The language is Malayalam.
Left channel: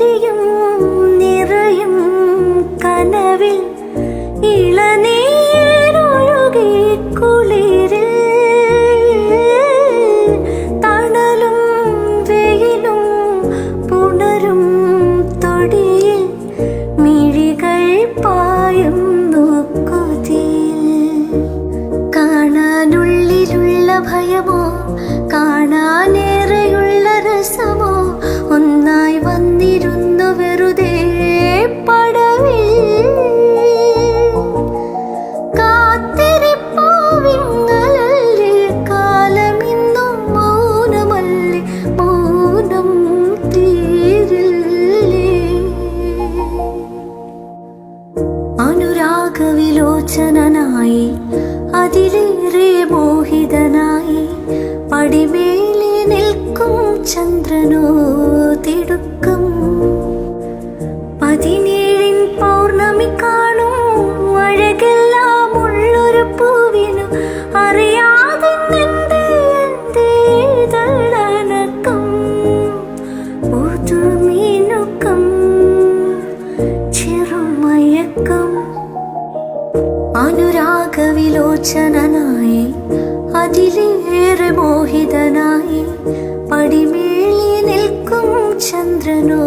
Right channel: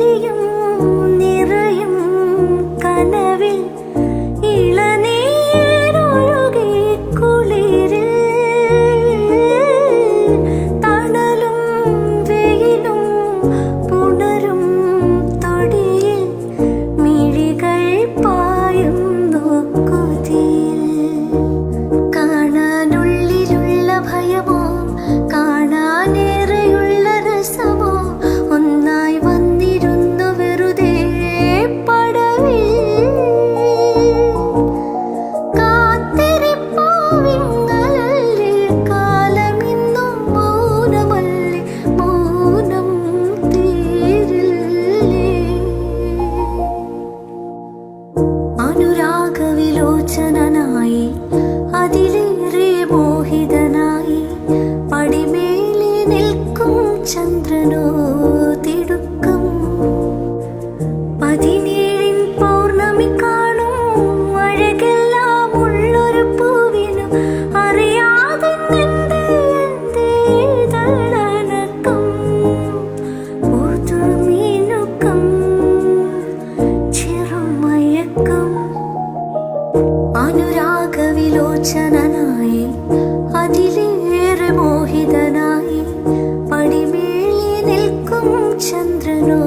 ചിരിയും നിറയും കനവിൽ ഇളനീരൊഴുകി കുളിരിൽ തണലും വെയിലും പുണരും തൊടിയിൽ മിഴികൾ പായുന്നു കൊതിയിൽ. കാണാനുള്ളിലുള്ള ഭയമോ കാണാനേറെയുള്ള രസമോ ഒന്നായി വന്നിരുന്നു വെറുതെ പടവിൽ. കാത്തിരിപ്പാവിങ്ങലല്ലേ കാലമിന്നും മൗനമല്ലേ, മൗനം തീരില്ലേ. അനുരാഗവിലോചനായി അതിലേറെ മോഹിതനായി പടിമേലെ നിൽക്കും ചന്ദ്രനോ തിടുക്കം. 17 പൗർണമി കാണും അഴകെല്ലാം ഉള്ളൊരു പൂവിനു അറിയാതെ തളനക്കം പുതുമീനുക്കം ചെറുമയക്കം. അനുരാഗവിലോചനായി അതിലേറെ മോഹിതനായി പടിമേലെ നിൽക്കും ചന്ദ്രനോ